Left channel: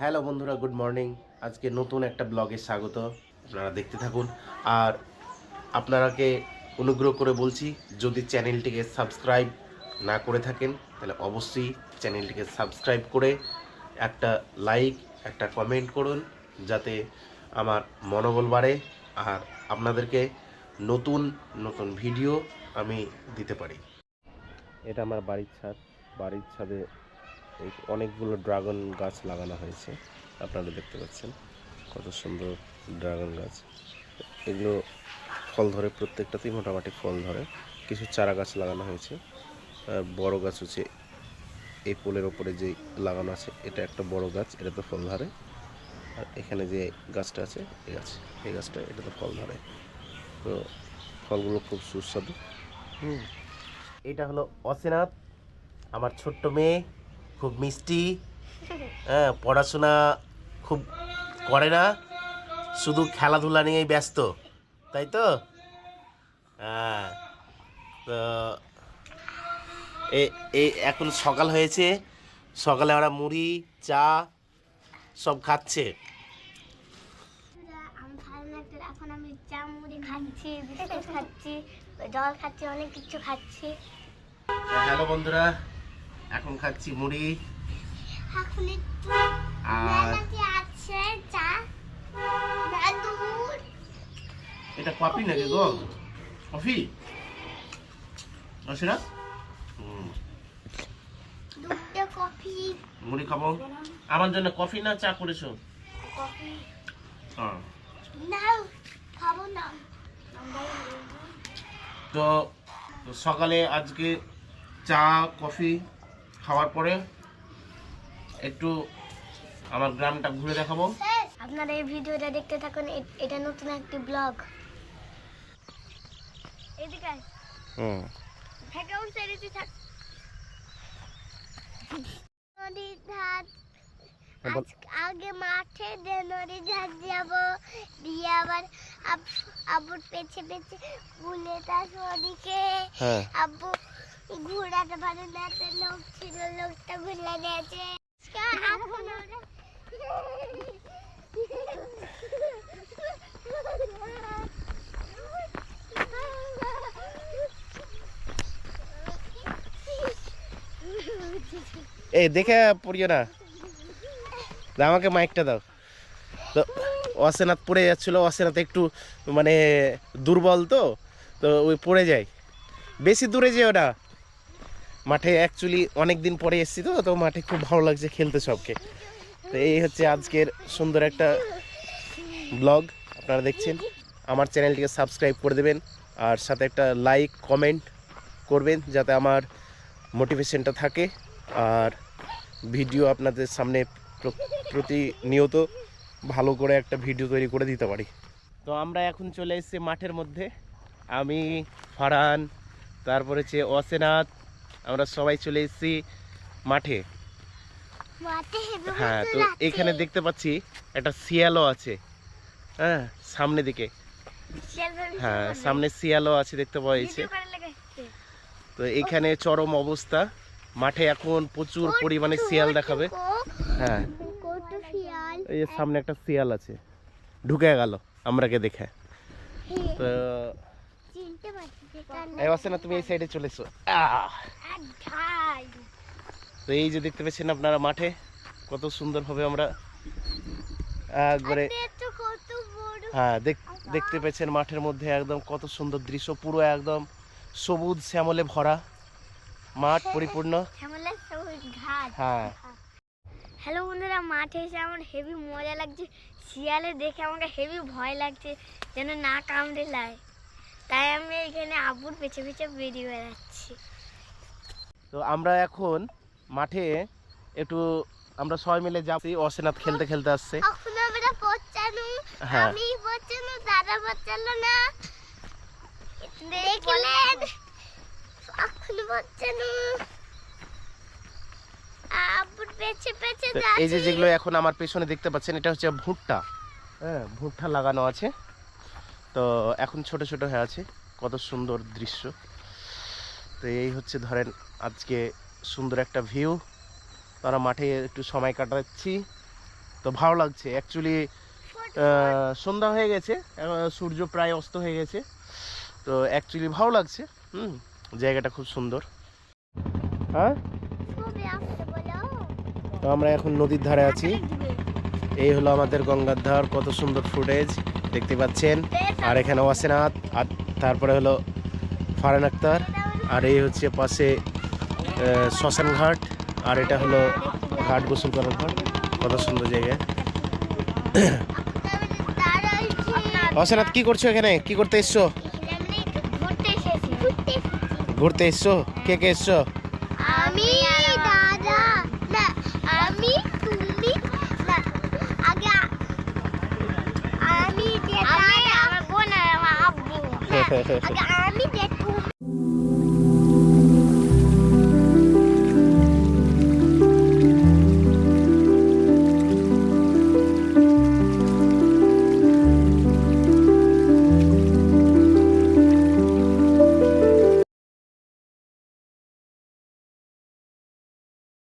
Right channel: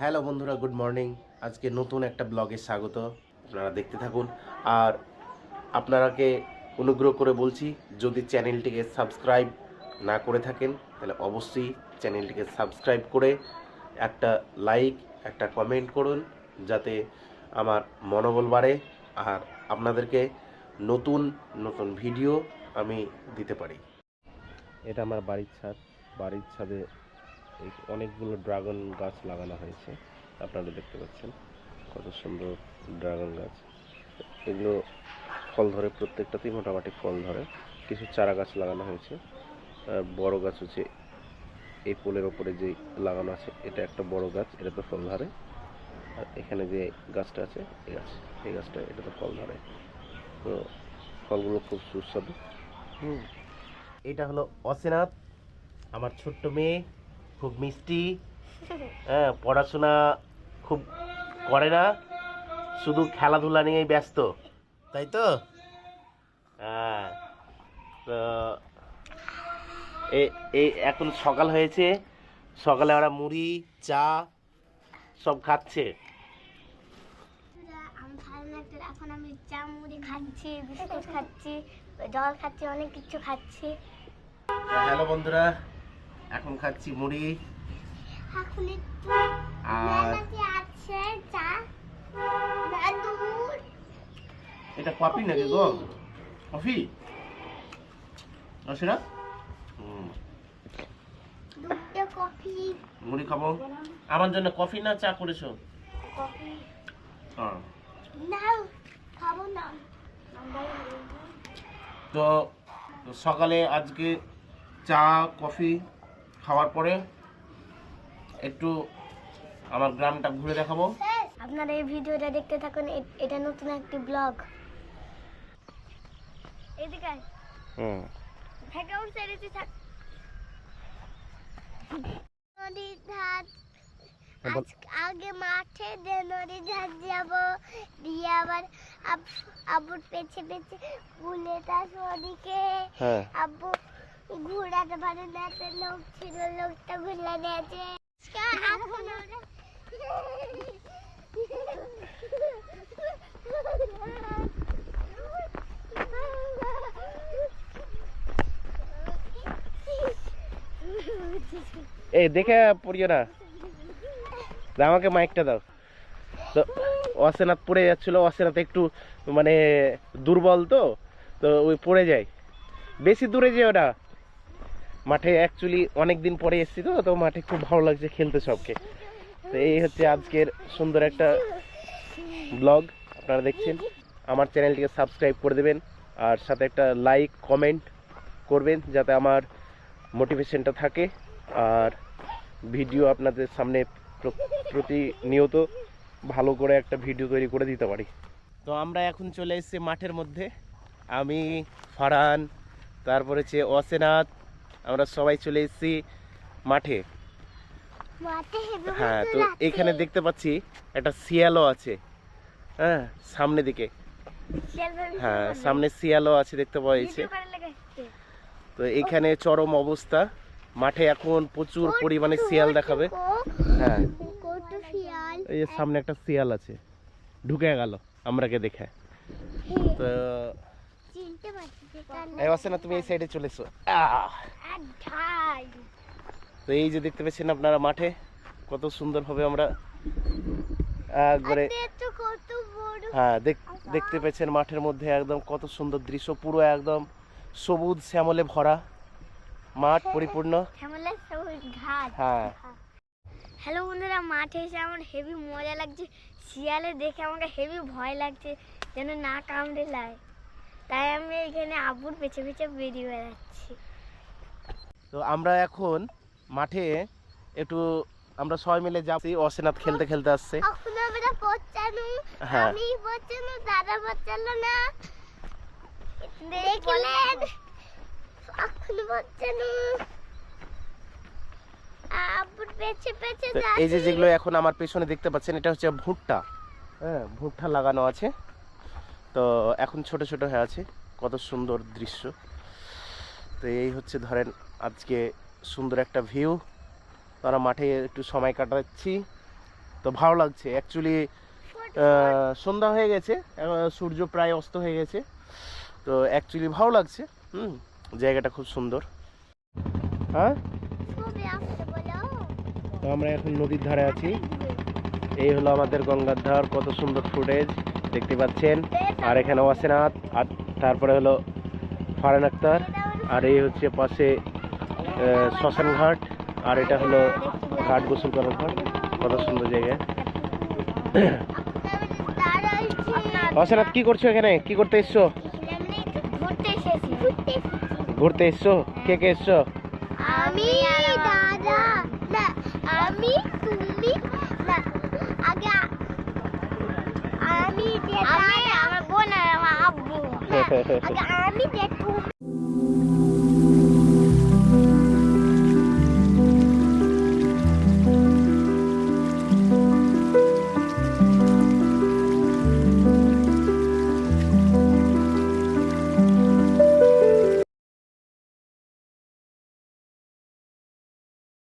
Hello বন্ধুরা, good morning. আজকে নতুন একটা ব্লগে স্বাগত। আপনারা দেখতে থাকুন। আর আপনারাকে অনুগ্রহ করে বলছি, যদি চ্যানেলটিকে সাবস্ক্রাইব না করে থাকেন তাহলে অবশ্যই চ্যানেলটিকে সাবস্ক্রাইব করে একটা লাইক, একটা কমেন্ট করুন, যাতে আমার মনোবল বাড়ে আর আপনাদেরকে নতুন নতুন ভিডিও আমি দিতে পারি। এটা আমার বাড়ির ছাদ। বাড়ির ছাদে অনেকগুলো ড্রাগন গাছ লাগানো হয়েছে। আপনারা দেখতে পাচ্ছেন কত সুন্দর ড্রাগন গাছ। এগুলো ফল ধরে, প্রত্যেকটাতেই মোটামুটি ফল ধরে। কিছু চারা গাছ লাগানো হয়েছে। বড় গাছ হচ্ছে এই পোলের ওপরে যে লাগানো আছে, এটা একটা বড় গাছ, এটাতে ফল ধরে। আর এখানে যে গাছটা আছে, এই গাছটা এটাতে ফল ধরে। তো ফলগুলো খুব সুস্বাদু। এটা হলো অসেনাথ, আমার ছোট্ট মেয়ে, খুব মিষ্টি। হ্যাঁ, পড়াশোনা খুব করে না, শুধু খেলাধুলা নিয়েই ব্যস্ত, তাই তো? হ্যাঁ। তো এই এখন সকাল হয়েছে, সকালে আমরা মুড়ি চা সব খাচ্ছে। এখন আমি চা মুড়ি খাচ্ছি, বিস্কুট খাচ্ছি, জল খাচ্ছি, অনেক কিছু খাচ্ছি। হ্যালো বন্ধুরা, এখন খাচ্ছি মুড়ি। এখন একটু আর আছে চা, দুধ। এটা কফি নাকি গো? কফি না? দুধটা কফি। মুড়ি খাবো। আমার জন্য কফি না চা করেছো? কফি হ্যাঁ। না, খাবো না। তো সকালে আজকে চা কফি খাওয়ার পরে একটু আমার গ্রামটা ঘুরে দেখাবো। আপনারা এই ভিডিওটা দেখতে থাকুন, এটা নতুন একটি ব্লগ। এদিকে ব্যাকগ্রাউন্ড সাইডে থাক। নদীর ধার, আগে মাঠে দিয়ে নদীর ধার যাবো, দিয়ে আবার আব্বুর পেছে পেছে বুলে তার ওদিকে। আব্বু ঘোড়াটা ভালো না, লোক ছিল, লোকটা ঘুরে নিয়েছে। এখন আমরা এই দেখে পড়িও না, আমাকে মাইকটা দাও। তো অসেনাথ পড়ে যাচ্ছিল। অসেনাথ একটু মানে দুর্বল, তো তো ওই পড়ে যায়। বেশি দূরে যেও না। মাঠে অ্যাকচুয়ালি অনেক দিন পরে এসেছি, তো তো মাঠে খুব ভালো লাগছে খেলতে সবকে। তো এই হচ্ছে আজকের সুন্দর একটা ব্লগ আপনারা দেখছেন। আমার চ্যানেলটিকে সাবস্ক্রাইব করে দেবেন, আর সাথে একটা লাইক কমেন্ট করবেন, যাতে আমার মোটিভেশনটা থাকে আর ভিডিও আপনাদের সামনে প্রতিনিয়ত ভালো করে একটা ভিডিও তৈরি করে দিতে পারি। তো আমরা এখন চলে এসেছি মাঠের মধ্যে। আমি, ফারহান, তারপরে হচ্ছে অসেনাথ, আমরা সবাই চলে এসেছি মাঠে। হ্যাঁ, তো এখানে দেখতে পাচ্ছি একটা শিয়ালও আছে। হ্যাঁ, সামনে দিকে। হ্যাঁ, সামনে শিয়ালও আছে, দেখতে পাওয়া যাচ্ছে। তো এখানে চরম অবস্থা, মাঠে এখন প্রচুর পরিমাণে শিয়াল দেখাবে। হ্যাঁ, এই যে সামনে একটা শিয়াল আছে, ঢুকে গেল আমরাকে দেখে। তো এই আছে না, তুমি এই সাইডে চলে এসো। তো এই যে দেখতে পাচ্ছেন আপনারা মাঠে কত সুন্দরভাবে আমরা একবারে, হ্যাঁ দেখতে পাচ্ছেন মাঠের মধ্যে একদম কত সুন্দর দৃশ্য, পুরো একদম সবুজ শ্যামলে ভরা মাঠ, পরিপূর্ণ। হ্যাঁ। হ্যালো বন্ধুরা, মাঠে এসে আমার হেভি মজা লাগছে। শিয়ালে দেখে আমাকে হেভি ভয় লাগছে, যেন না কামড়ে লাই। তাই আমি এখানে আব্বুর পেছে পেছে বেরিয়ে বেড়াচ্ছি। তো আমরা এখন মাঠে একটু আমরা সবাই মিলে যাচ্ছি। অসেনাথ খেলতে খেলতে আসছে। এখন আমরা পড়ছানু, আমি পড়ছানু, দাদা পড়ছালো না, দেখলেন? এখন পড়ছানু আব্বুর পেছে পেছে যাচ্ছি। এই যে যেগুলো এখন আমার পেছনে দেখতে পাচ্ছেন, এটা হচ্ছে ভুট্টা। হ্যাঁ, ভুট্টা লাগানো আছে। তো এখন ছোট ছোট হয়ে আছে, কত সুন্দর দৃশ্য। তো এই হচ্ছে ধরেন আজকে সুন্দর একটা ভিউ। তারা মাঠে একটু সময় কাটাচ্ছি। তো ভালো লাগছে অ্যাকচুয়ালি। সন্ধ্যা হয়ে গেছে, সূর্য প্রায় অস্ত হয়ে গেছে, তো অ্যাকচুয়ালি ভালো লাগছে। জায়গাটা খুব সুন্দর। হ্যাঁ, ছবি আঁকতে বলো। তো আমরা এখন নদীর ধারে আছি। এই হলো আমাদের গঙ্গার ধার, কত সুন্দর ফুটেজ দেখতে পাচ্ছেন। আর এখানে ওয়াসেনাথ, আর তারপরে হলো ফারহান আক্তার, আর এই হচ্ছে পাশে শ্মশান ঘাট, আর এটা হলো ঘাট গোসল করার ঘাট। কত সুন্দর জায়গা। ওয়াসেনাথ, কি করছো এখানে? কি করতে এসছো? ঘুরতে এসেছি। ঘুরতে এসছো? কে কে এসছো? আমি, দাদা, না আমি, তুমি, না আগে আমি, আমার বোন আর আমার আব্বু। আগে আমি,